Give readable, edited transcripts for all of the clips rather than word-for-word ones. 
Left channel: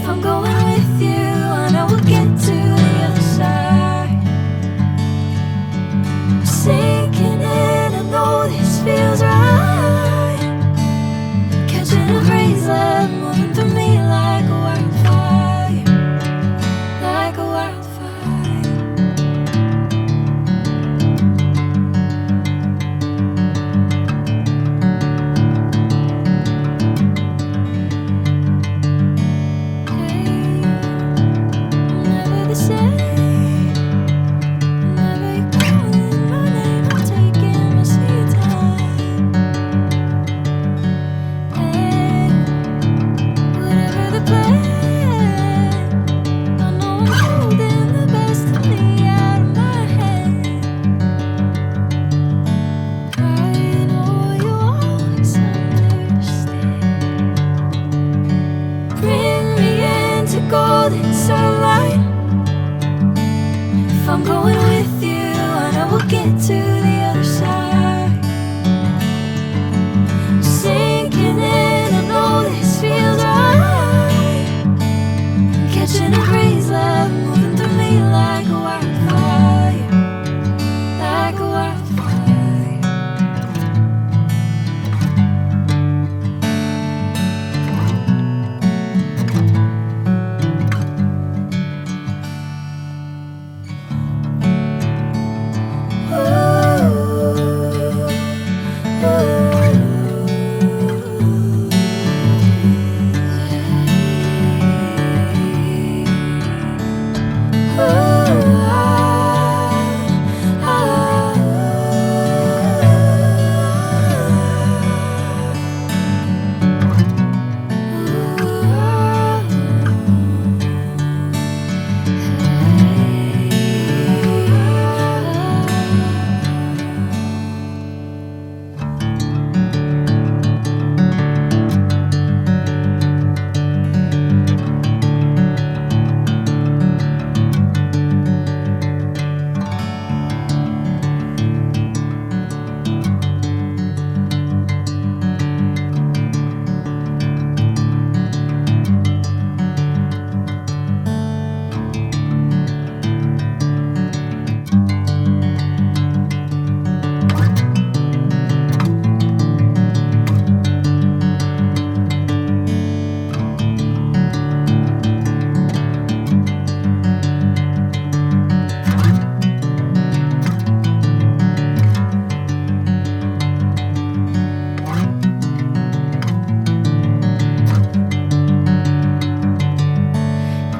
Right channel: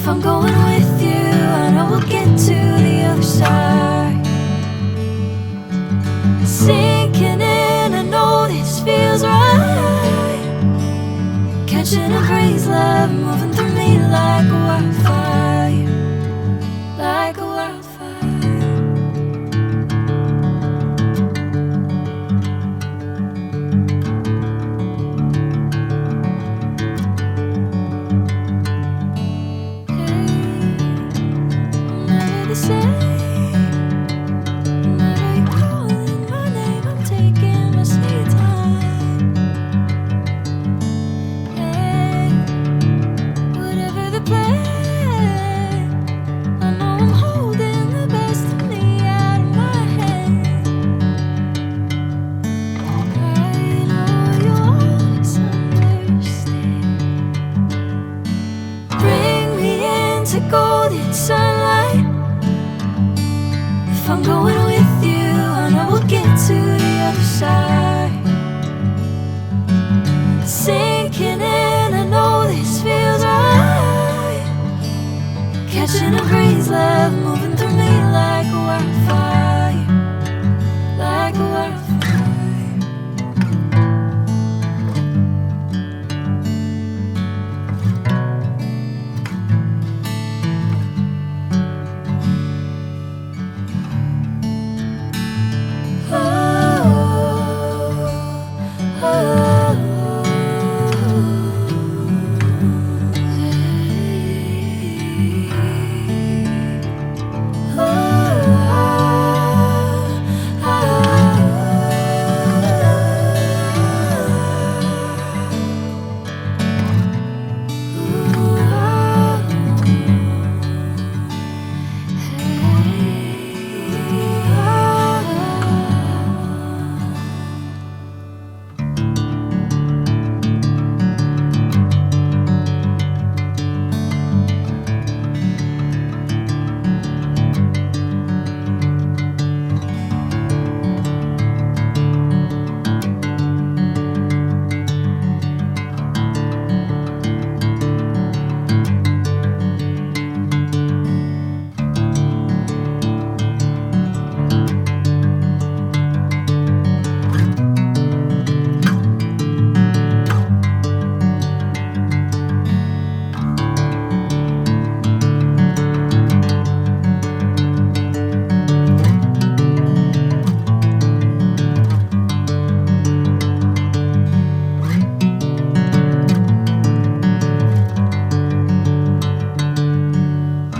If I'm going with you, I know we'll get to the other side. Sinking in, I know this feels right. Catching a breeze, love moving through me like a wildfire, like a wildfire. Hey, I'm never the same. Whenever you're calling my name, I'm taking my sweet time. Hey, whatever the plan, I know I'm holding the best of me out of my hand. I know you always understand. Bring me into golden sunlight. If I'm going with you, I know we'll get to the other side. Sinking in, I know this feels right. Catching a breeze, love moving through me like a wildfire, like a wildfire.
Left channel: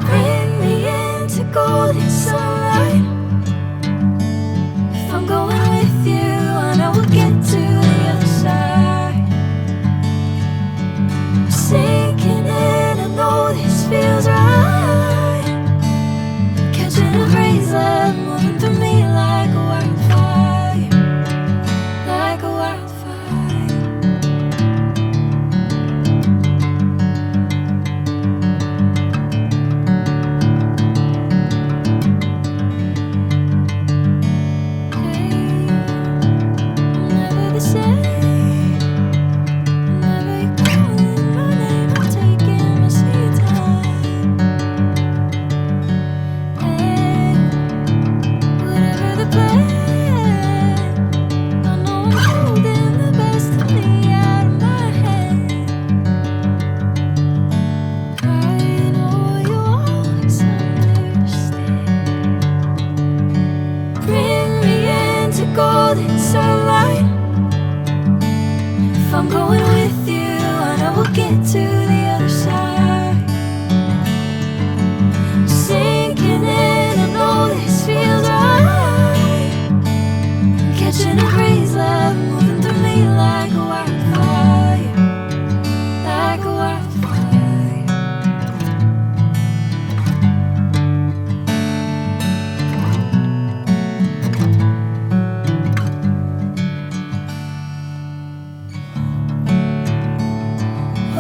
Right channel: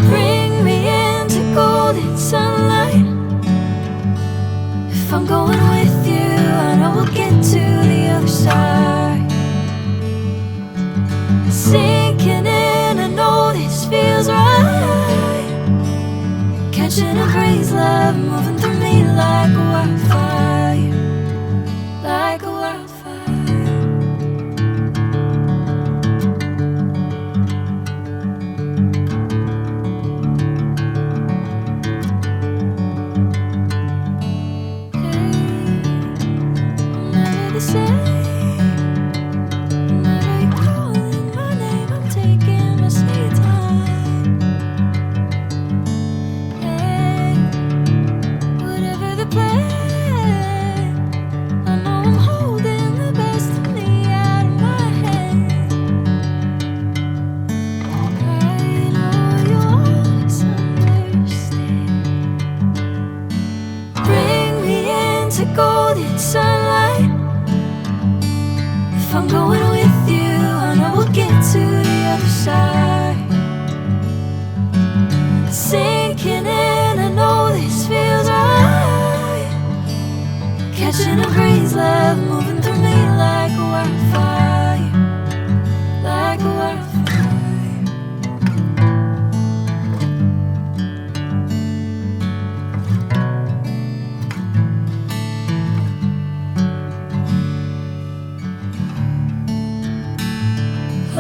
Bring me into golden sunlight. If I'm going with you, I know we'll get to the other side. Sinking in, I know this feels right. Catching a breeze, love moving through me like a wildfire, like a wildfire. Hey, I'm never the same. Whenever you're calling my name, I'm taking my sweet time. Hey, whatever the plan, I know I'm holding the best of me out of my hand. I know you always understand. Bring me into golden sunlight. If I'm going with you, I know we'll get to the other side. Sinking in, I know this feels right. Catching a breeze, love moving through me like a wildfire, like a wildfire.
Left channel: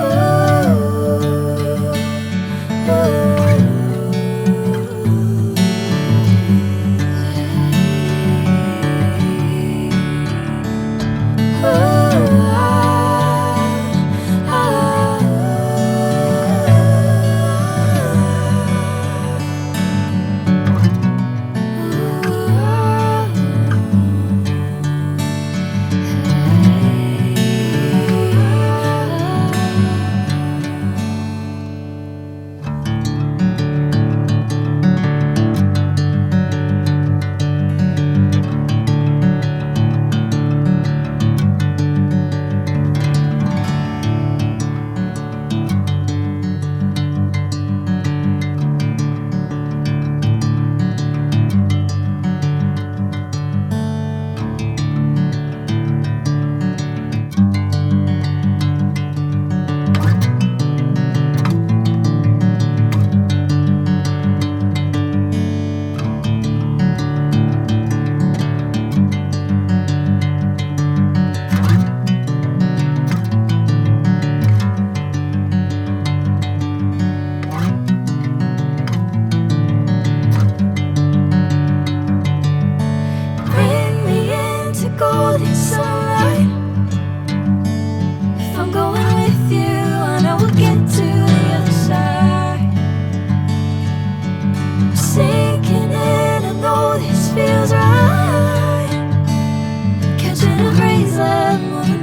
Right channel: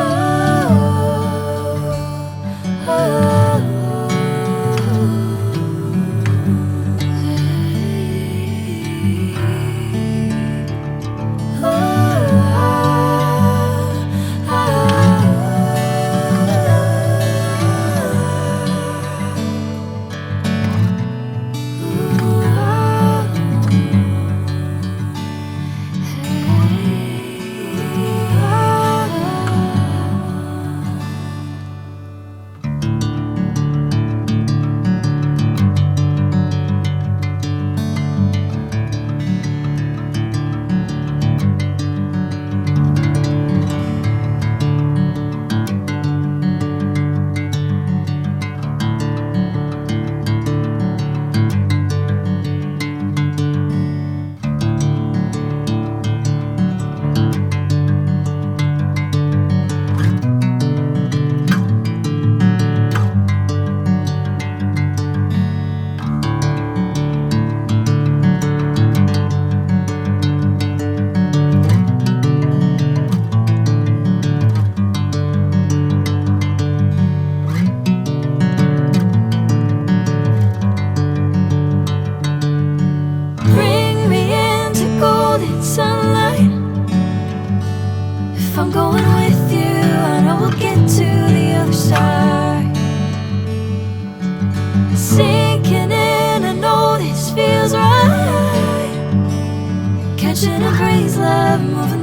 Oh. this feels right. Catching a breeze, love moving